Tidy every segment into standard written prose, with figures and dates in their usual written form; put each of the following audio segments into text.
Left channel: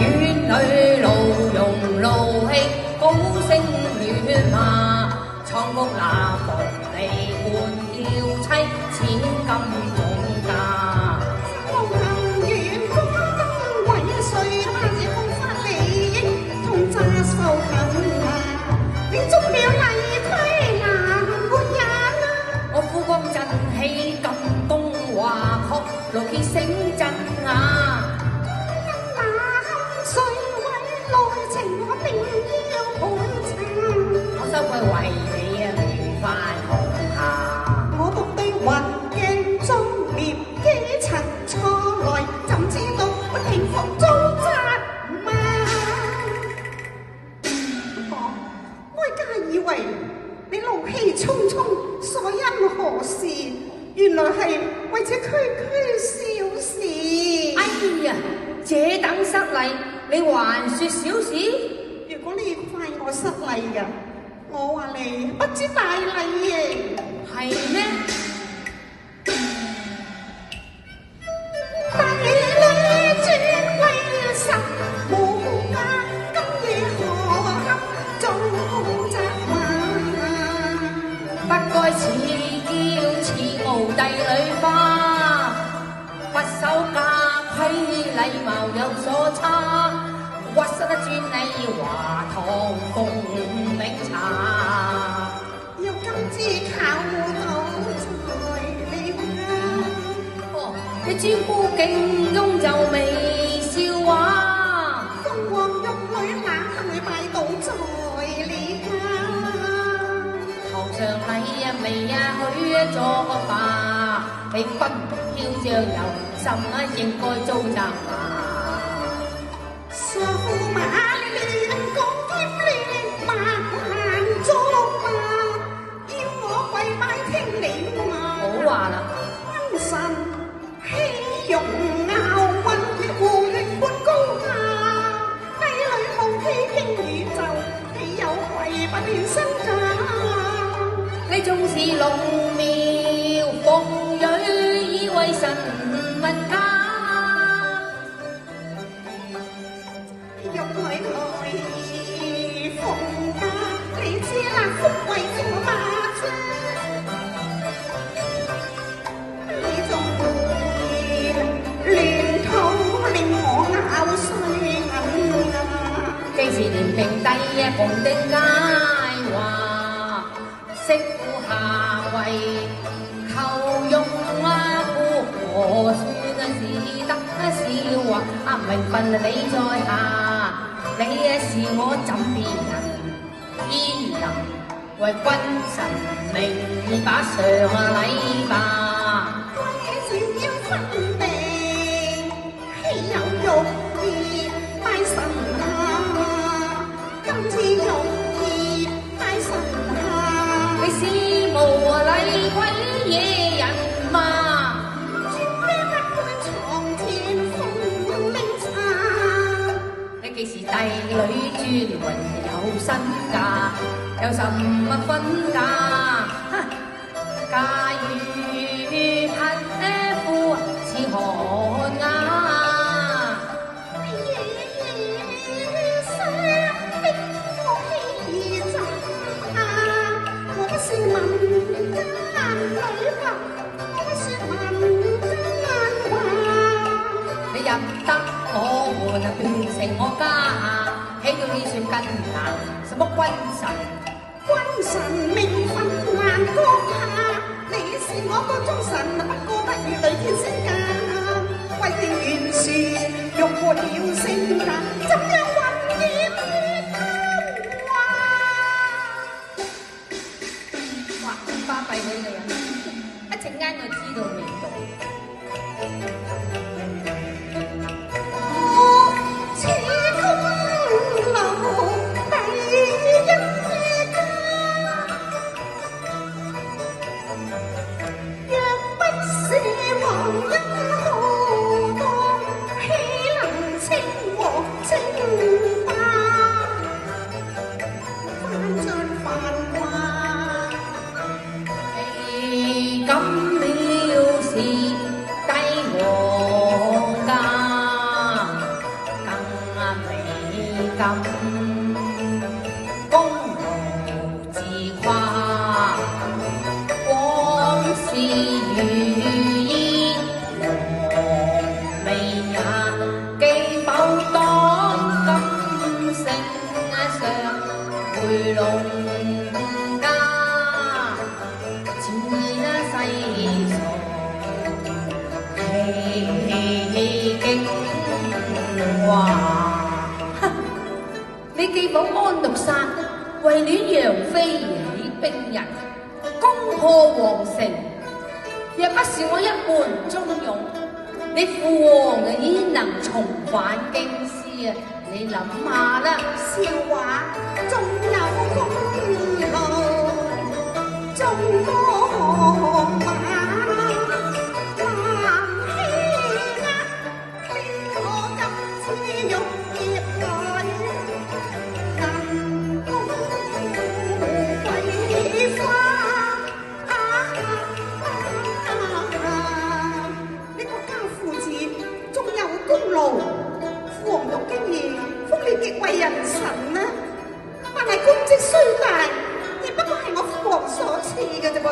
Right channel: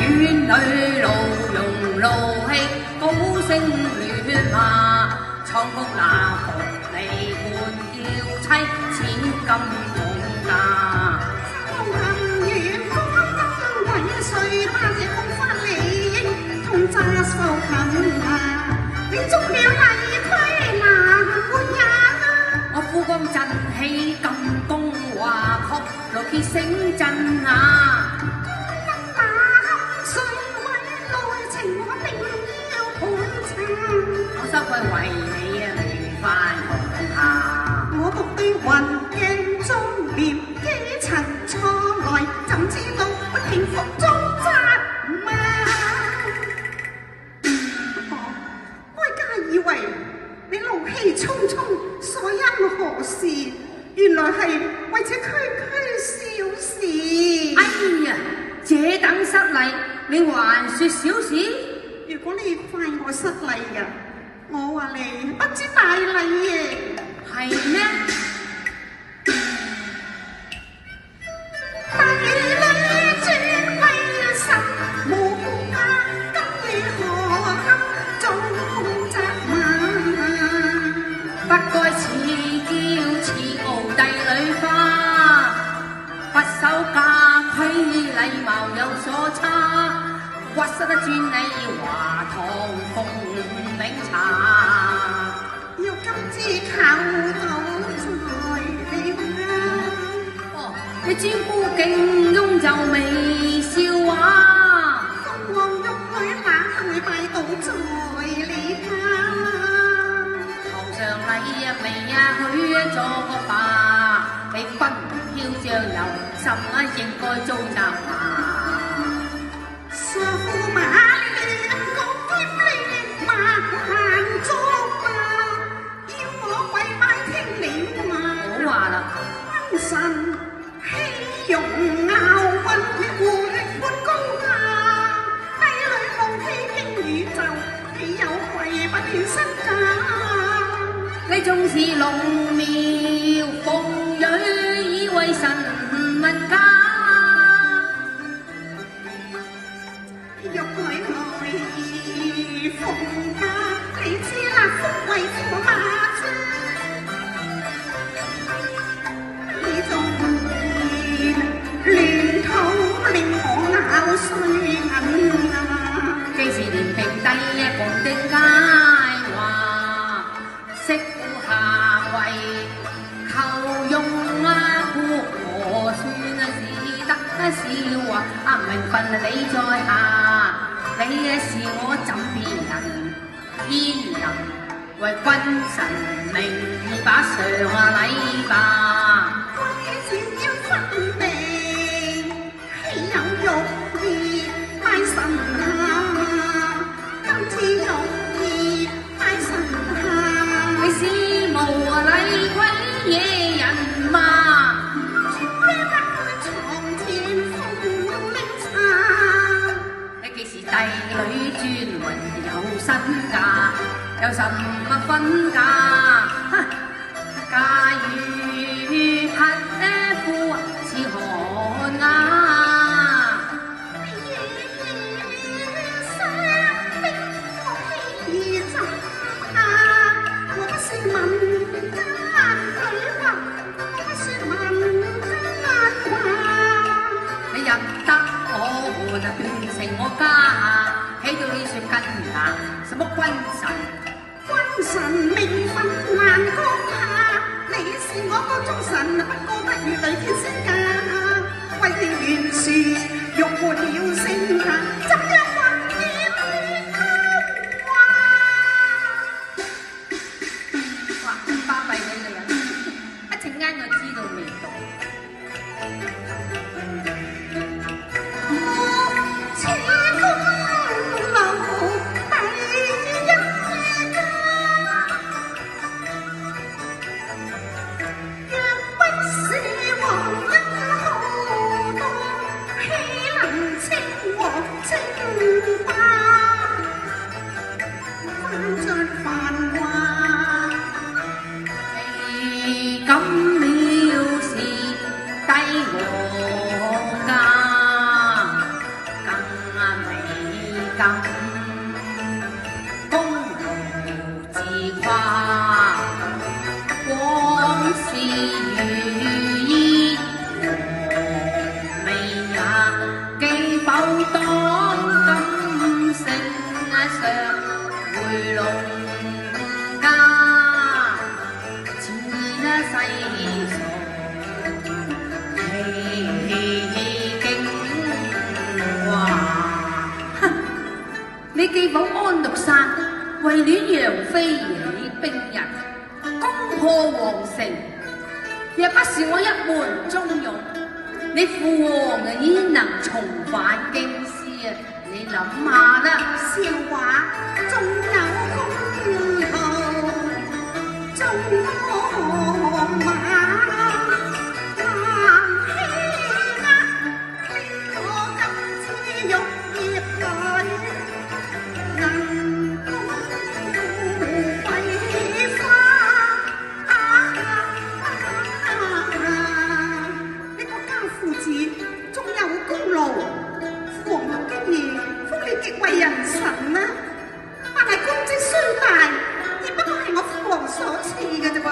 院裏勞容勞氣，高聲喧罵，蒼屋那房離換嬌妻，千金半價。無行遠方燈鬼祟，他這空花理應同詐受近啊！你中了例規難活人啊！我夫光振氣金宮華確，勞結醒震啊！水位內情我定要盤查，我收佢為你啊未翻紅下。我獨對雲鏡妝奁，幾層錯來，怎知道我平伏遭責罵？哀家以為你怒氣沖沖，所因何事？原來係為這區區小事。哎呀！這等失禮，你還說小事？如果你怪我失禮嘅，我話你不知大禮嘅。係咩？大禮尊貴實無價，今夜何堪遭責罵？不該似嬌似傲帝女花，不守家規禮貌有所差，屈失得專你華堂共檸茶。若今之靠到在你家，哦，你專顧敬翁就未笑話，鳳凰玉女哪裏拜倒在你家？頭上禮啊未啊許咗吧，你不囂張有心啊應該遭責罵。傻駙馬亂共兼亂萬難捉啊！要我跪拜聽你話。好話啦，君臣欺容拗運，互力半高下。帝女好欺傾宇宙，豈有愧不斷身價？你縱是龍廟鳳蕊，以為神物家。玉女來奉家，你知啦，福為駙馬車。你仲會亂土令我咬碎銀啊！既是連平帝共定佳話，媳婦下跪求用啊，夫何算啊只得笑話啊！名分你在下，你是我枕邊人，焉能為君臣名義把上禮吧？是要分地，豈有欲意拜神下？今次欲意拜神下，你是無禮鬼野人嘛？咩不會床前奉檸茶？你既是帝女尊榮有身價，有什麼分價？假如匹夫似寒啊！我不是民間女俠，我不是民間話。你入得我門，變成我家，起到你算根牙，什麼君臣？君臣名分難高下，你是我個忠臣，不過不如雷天仙家。為定袁氏，欲活了性格，怎樣混了他話？哇！巴閉你哋啊！一陣間就知道味道。此功勞第一家，若不是皇恩浩蕩，豈能稱王稱霸？翻進繁華，你敢藐視帝王家，更景華。你既保安祿山，為戀楊妃而兵人，攻破皇城，若不是我一門忠勇，你父王焉能重返京師啊？你諗下啦，笑話仲有功勞，仲我馬還欺壓，令我今次玉葉裏能共桂花。你國家父子仲有功勞，皇宮經義福利極為人臣啊！但係功績雖大，亦不過係我父王所賜嘅啫噃，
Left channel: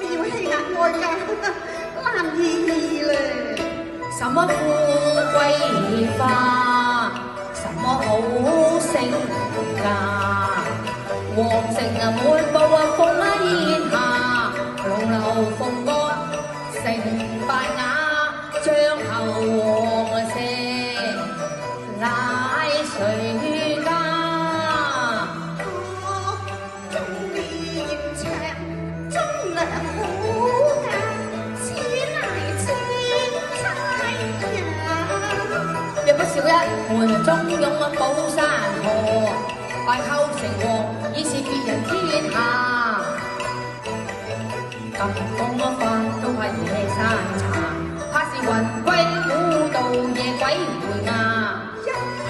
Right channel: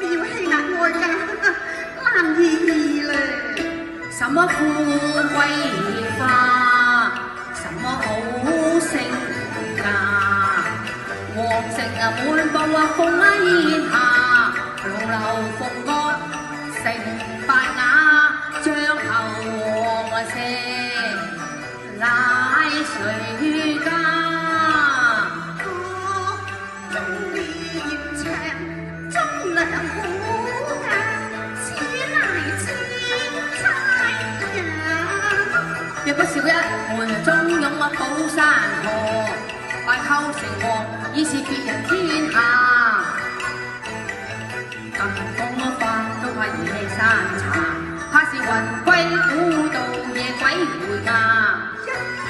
你要欺壓外家，難以咧。什麼富貴花，什麼好成家，皇城滿布烽煙下，龍樓鳳閣成敗瓦，將後王舍乃誰家？我忠烈長，忠良好啊，此乃青菜呀。若不是我一門忠勇保山河，敗寇成王已是別人天下。咁風法都係夜山茶，怕是雲歸古道夜鬼回家。一派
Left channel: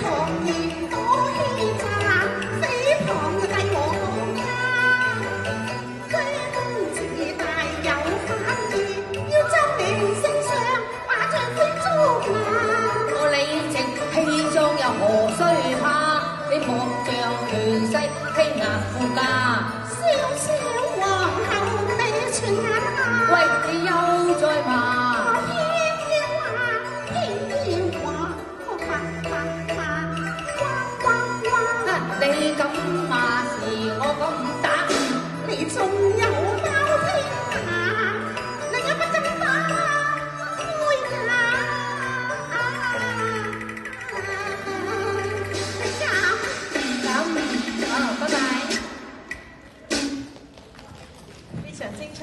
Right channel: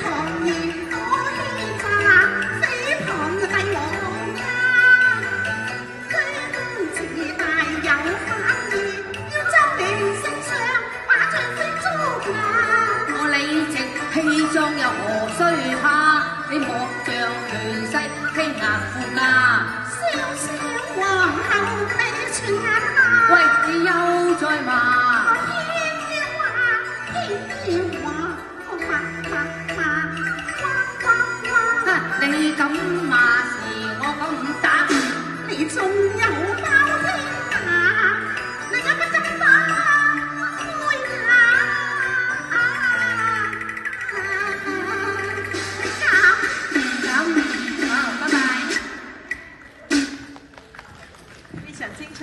狂言多欺詐，誹謗帝我家。居功自大有反意，要周年聖上把丈夫捉拿。我理直氣壯又何須怕？你莫像亂世欺壓富家。笑笑皇后你全眼下，喂，你又再話？偏要話，我話，你咁罵是我咁打，你仲有包天下，你有乜咁打會呀？咁，好，拜拜。非常精彩。